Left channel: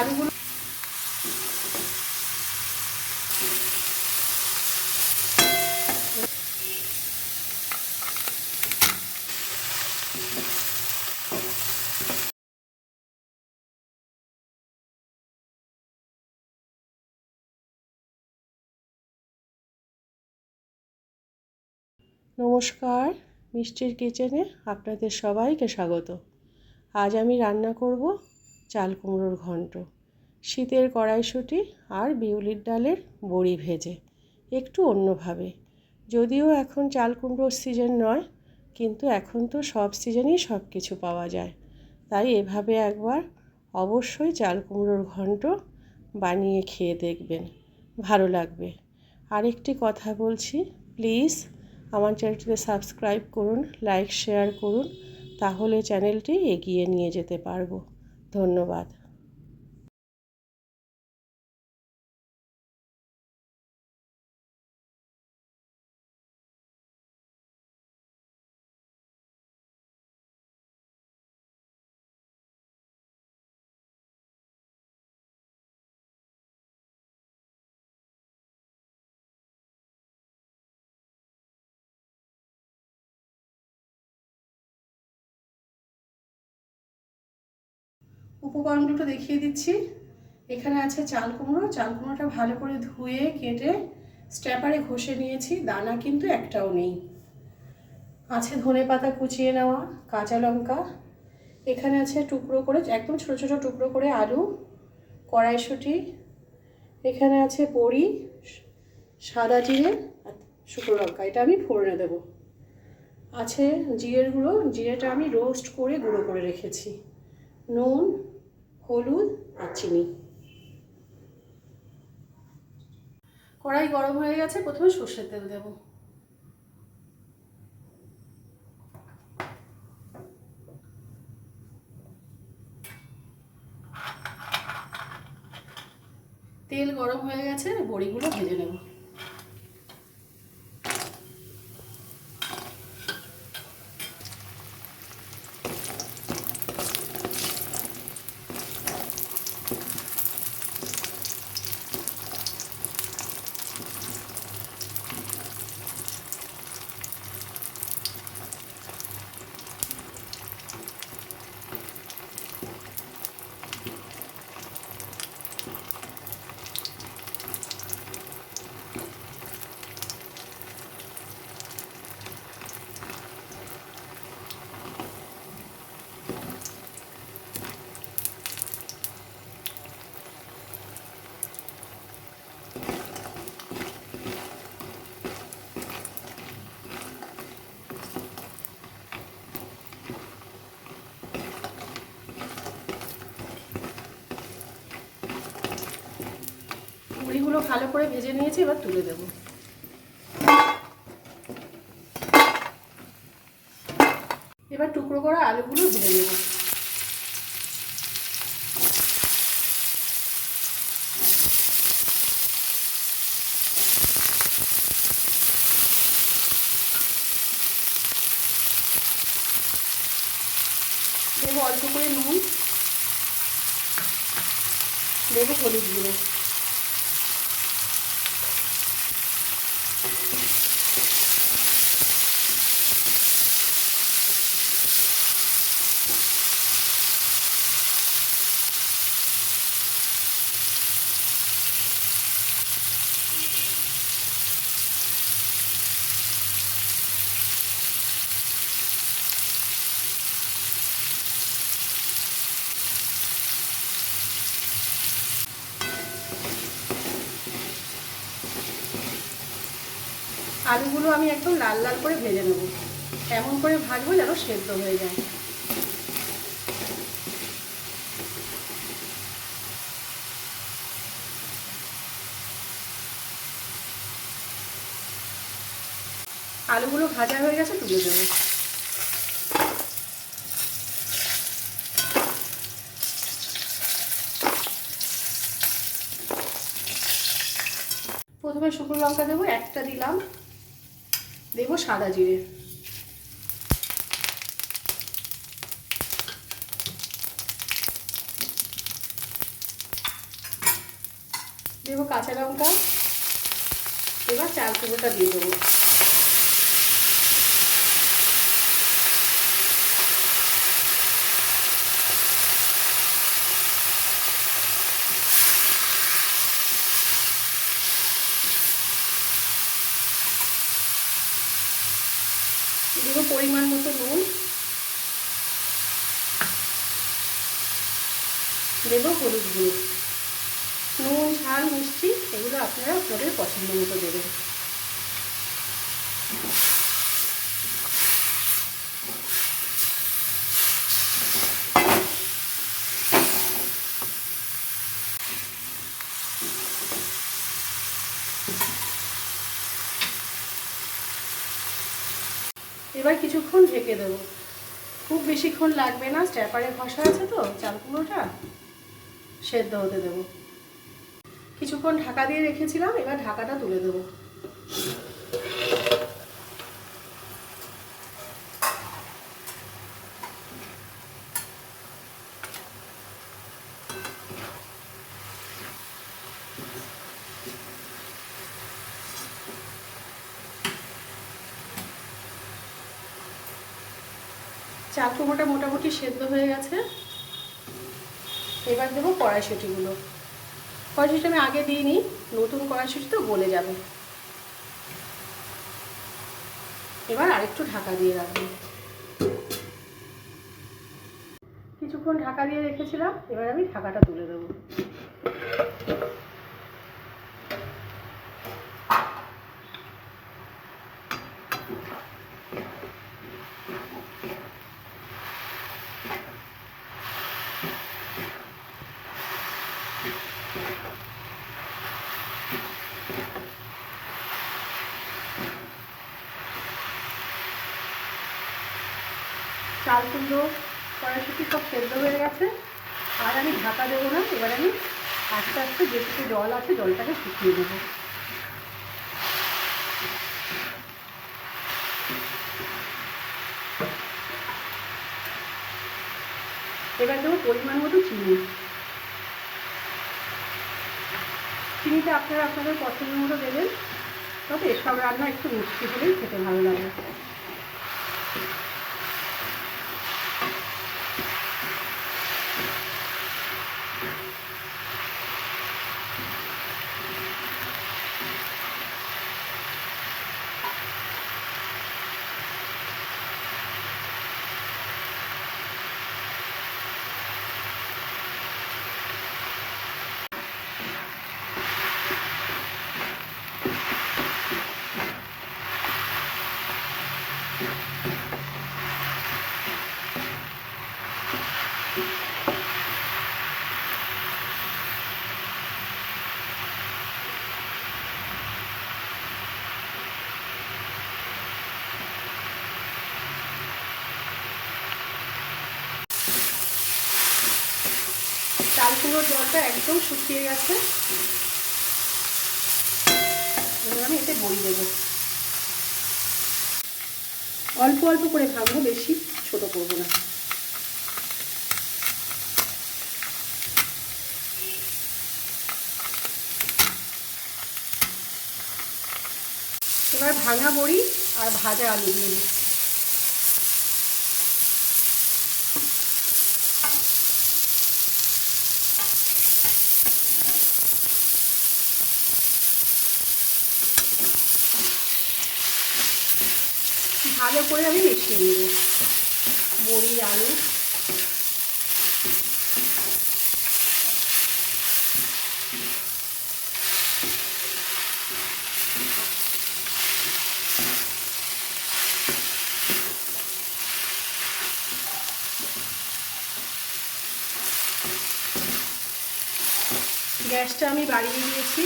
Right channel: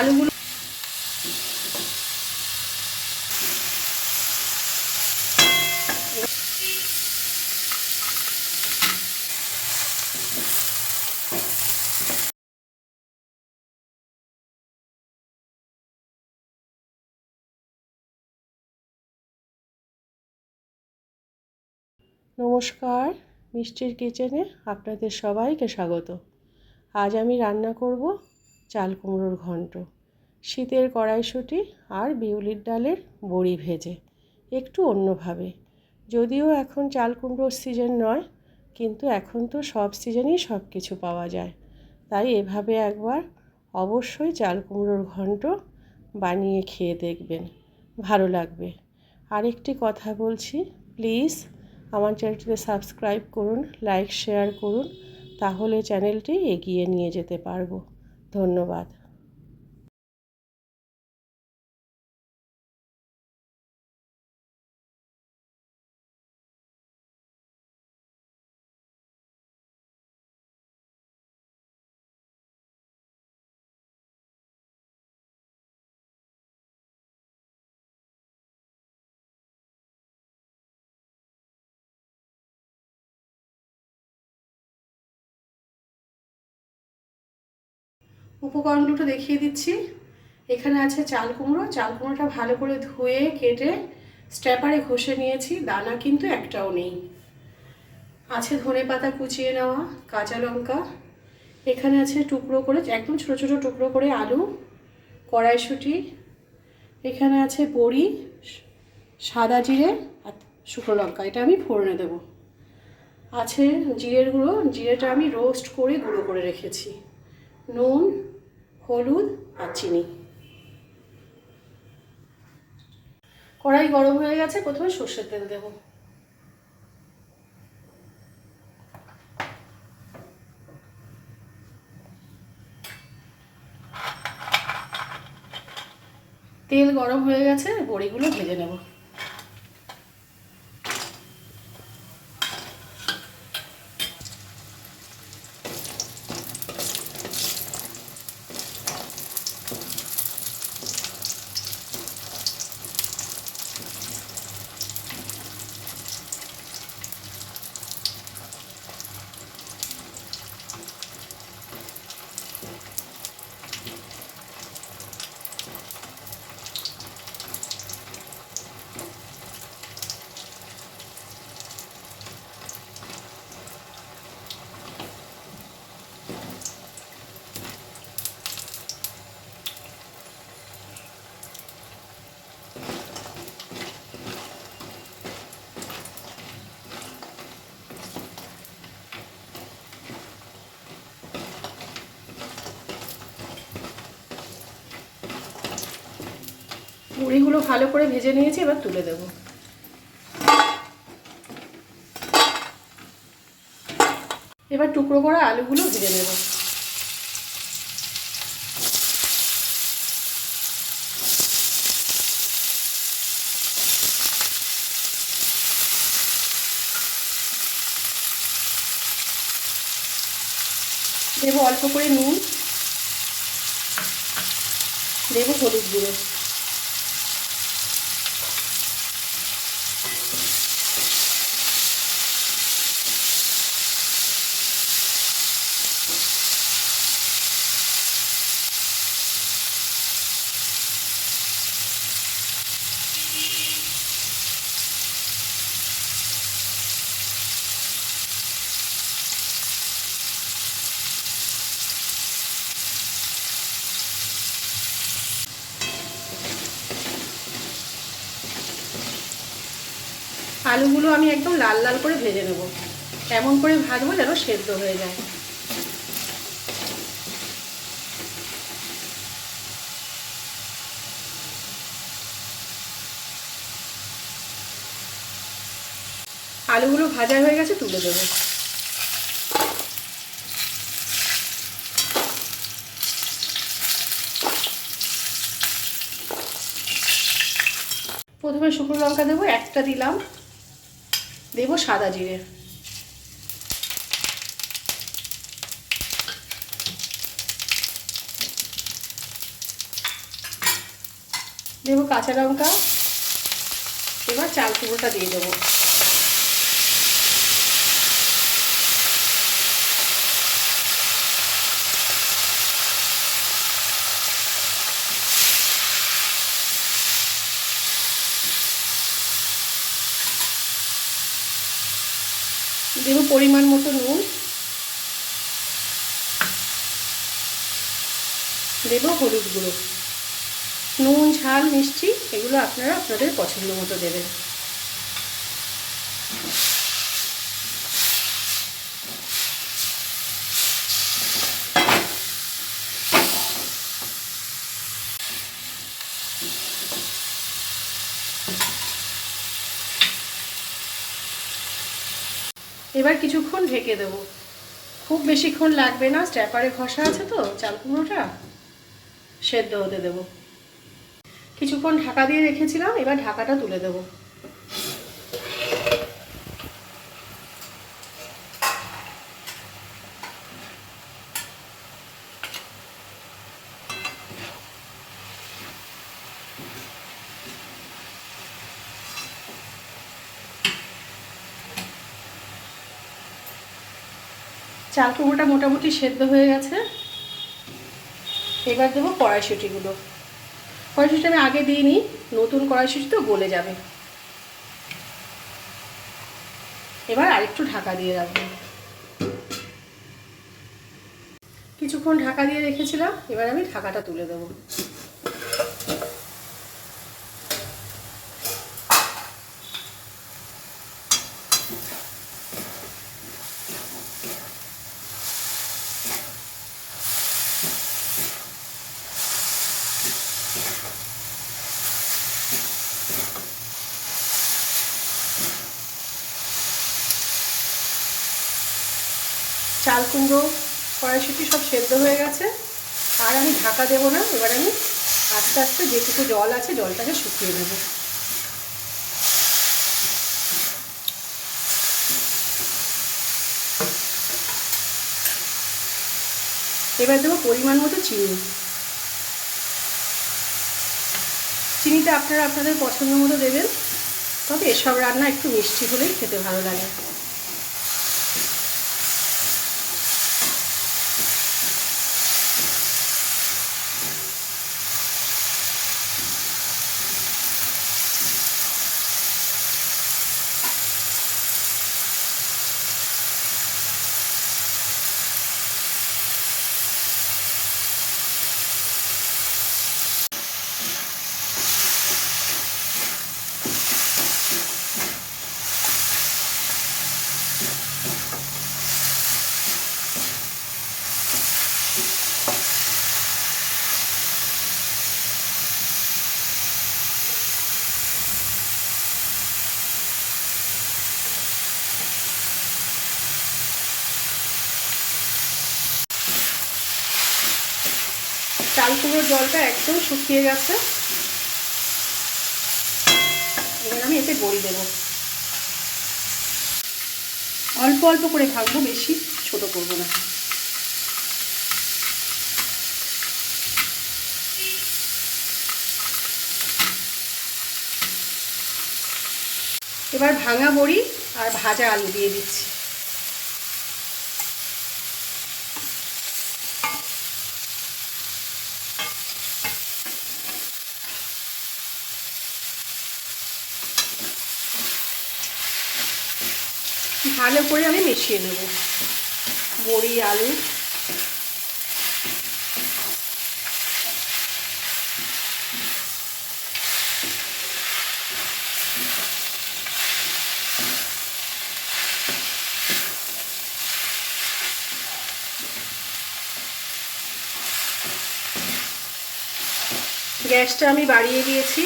আলুগুলো নমস্কার মিষ্টির কিচেনে আপনাদের সবাইকে স্বাগত। আজ আমি রান্না করব চাল কুমড়োর ঘন্ট, শীতের কড়াইশুঁটি আর বিউলির ডালের বড়ি ভেজে, একটু অন্যভাবে। যদিও এখন চাল কুমড়োর সিজন নয়, কিন্তু এখন তো সব সিজনেই সব কিছু পাওয়া যায়। তাই এভাবে একবার অবশ্যই চাল কুমড়োর ঘন্ট বানিয়ে খেয়ে দেখবেন, ভালো লাগবে। আরেকটি কথা বলছি, প্লিজ আমার চ্যানেলটিকে সাবস্ক্রাইব করুন, লাইক, শেয়ার করুন, তাহলে চ্যানেলটি এগিয়ে নিয়ে যেতে পারব। ধন্যবাদ। উপকরণ দুটো দেখিয়ে দিচ্ছি। এখানে আছে চাল কুমড়ো। চাল কুমড়োটা ভালো করে ধুয়ে, কেটে স্ট্যাপারে ঘষে নিয়েছি। দানা কিন্তু একটাও নেই। আছে ধনে পাতা কুচিয়ে নেওয়া, কাঁচা লঙ্কা। এখানে আছে টুকরো করে, একদম ছোটো ছোটো টুকরো করে আলু, কড়াইশুঁটি। এখানে আছে বড়ি, সাদা জিরে আর শুকনো লঙ্কা। এটা আমি ফোড়নে দেবো। আছে জিরের গুঁড়ো। জিরেটা আমি রোস্ট করে গুঁড়ো করে রেখেছি। নুন হলুদ আর চিনি। কড়াই গরম হয়ে গেছে, প্রথমে সর্ষের তেল দেব। তেল গরম হয়ে গেছে, বড়িগুলো ভেজে নেব। মুড়িগুলো ভালো করে ভেজে নিয়েছি, এবার তুলে দেব। এবার টুকরো করা আলুগুলো ভেজে নেব। দেবো অল্প করে নুন, দেবো হলুদ গুঁড়ো। আলুগুলো আমি একদম লাল লাল করে ভেজে নেব। এমন করে ভাজবো যেন সেদ্ধ হয়ে যায়। আলুগুলো ভাজা হয়ে গেছে, তুলে দেবো। প্রথমে শুকনো লঙ্কা দেবো, একটা দিলাম। দেব সাদা জিরে। দেবো কাঁচা লঙ্কা এবার চাল টুকরোটা দিয়ে দেবো। পরিমাণ মতো নুন দেব হলুদ গুঁড়ো। নুন, ঝাল, মিষ্টি, এগুলো আপনারা আপনাদের পছন্দ মতো দেবেন। এবার কিছুক্ষণ ঢেকে দেবো। খুব বেশিক্ষণ লাগবে না স্ট্যাপারে ঘষা আছে তো, চাল কুমড়োটা সেদ্ধ হতে দেবো। কিছুক্ষণ ঢাকা দিয়ে রেখেছিলাম, এবার ঢাকাটা তুলে দেবো। চাল কুমড়োটা মোটামুটি সেদ্ধ হয়ে গেছে। এবার দেবো কড়াইশুটিগুলো। কড়াইশুটি আমি আগে দিইনি, নতুন কড়াইশুটি তো গলে যাবে। এবার আরেকটু ঢাকা দিয়ে রাখব। কিছুক্ষণ ঢাকা দিয়ে রেখেছিলাম, এবার আমি ঢাকাটা তুলে দেবো। চাল কুমড়ো, কড়াইশুটি সব সেদ্ধ হয়ে গেছে। আর আমি ঢাকা দেবো না, এবার আমি আস্তে আস্তে যেটুকু জল আছে জলটাকে শুকিয়ে দেবো এবার দেবো পরিমাণ মতো চিনি। চিনিটা আপনারা আপনাদের পছন্দ মতো দেবেন, তবে এসব রান্না একটু মিষ্টি হলেই খেতে ভালো লাগে। চাল কুমড়োর জলটা একদম শুকিয়ে গেছে। এবার আমি এতে বড়ি দেবো। অল্প অল্প করে ভাঙবো, বেশি ছোট করব না। এবার ভাঙা বড়ি আর ভাজা আলু দিয়ে দিচ্ছি ভালো মিশিয়ে নেব? বড়ি আলু। গ্যাসটা আমি বাড়িয়ে দিয়েছি।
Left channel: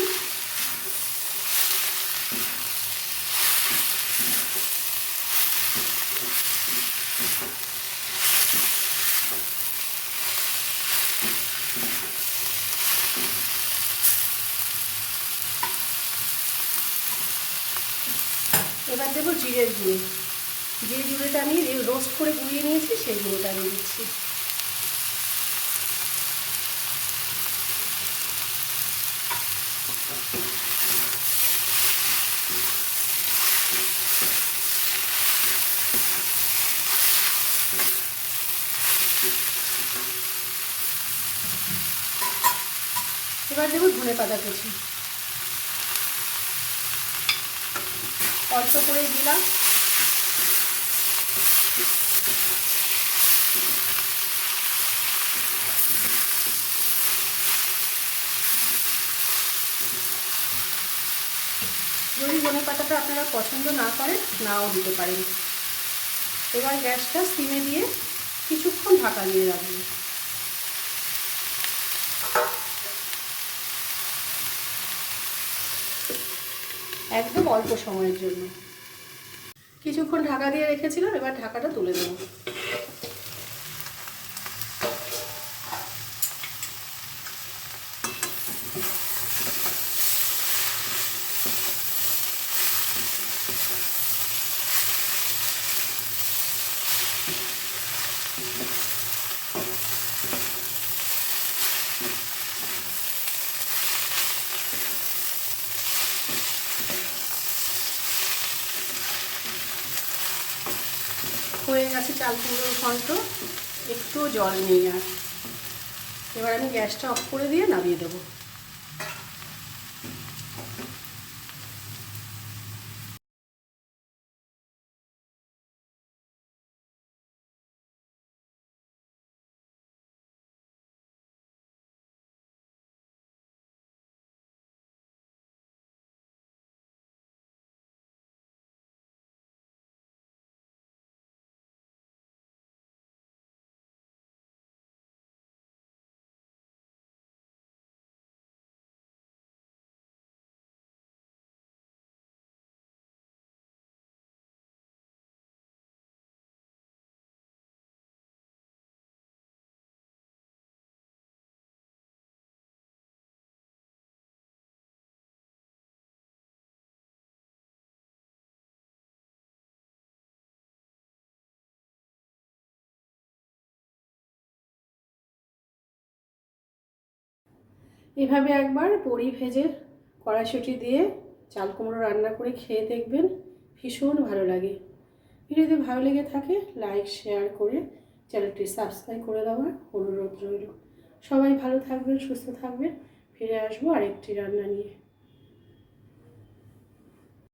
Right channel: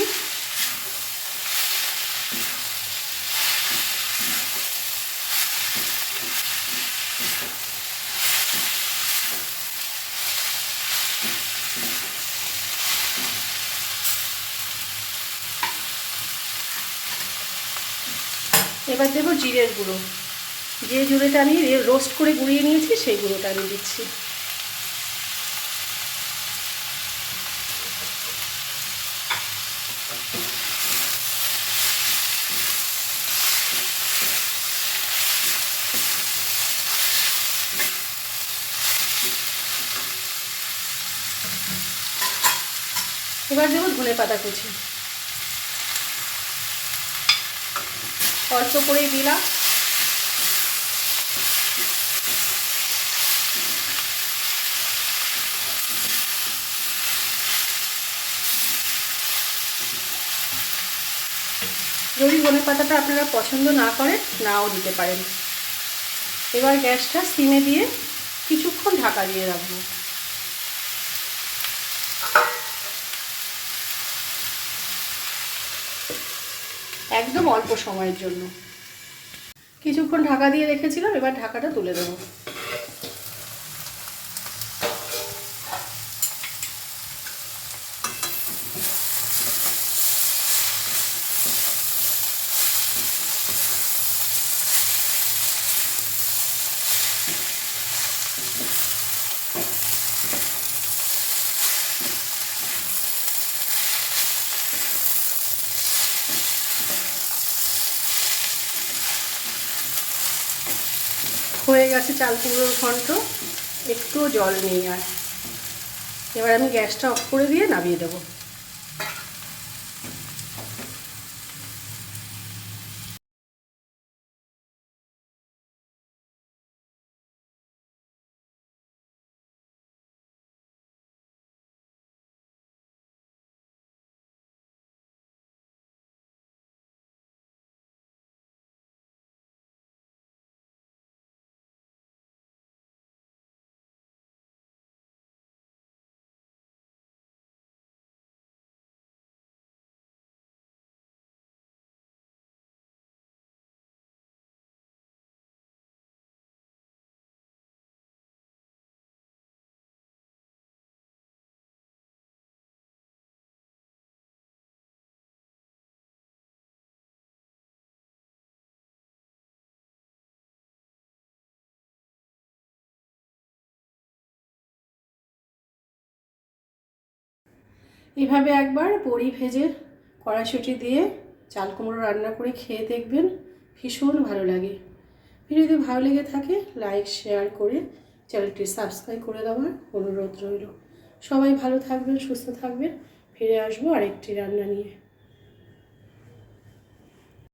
তারপরে দেবো জিরের গুঁড়ো। যে জুড়েটা আমি রোস্ট করে গুঁড়িয়ে নিয়েছি, সেই গুঁড়োটা আমি দিচ্ছি। এবার দেবো ধনে পাতা কুচি। অল্প করেই দিলাম যদি ধনে পাতাটা আপনারা পছন্দ না করেন, নাও দিতে পারেন। এবার গ্যাসটা সিমে দিয়ে কিছুক্ষণ ঢাকা দিয়ে রাখব। একদম অল্প সময়ের জন্য। কিছুক্ষণ ঢাকা দিয়ে রেখেছিলাম এবার ঢাকাটা তুলে দেবো। হয়ে গেছে চাল কুমড়োর ঘন্ট। একটুও জল নেই আর। এবার আমি গ্যাসটা অফ করে দিয়ে নামিয়ে দেবো। এভাবে একবার বড়ি ভেজে কড়াইশুটি দিয়ে চাল কুমড়ো রান্না করে খেয়ে দেখবেন ভীষণ ভালো লাগে। ভিডিওটি ভালো লেগে থাকে, লাইক, শেয়ার করে চ্যানেলটি সাবস্ক্রাইব করে দেওয়ার অনুরোধ রইল। সবাই ভালো থাকবেন, সুস্থ থাকবেন, ফিরে আসব আরেকটি রান্না নিয়ে।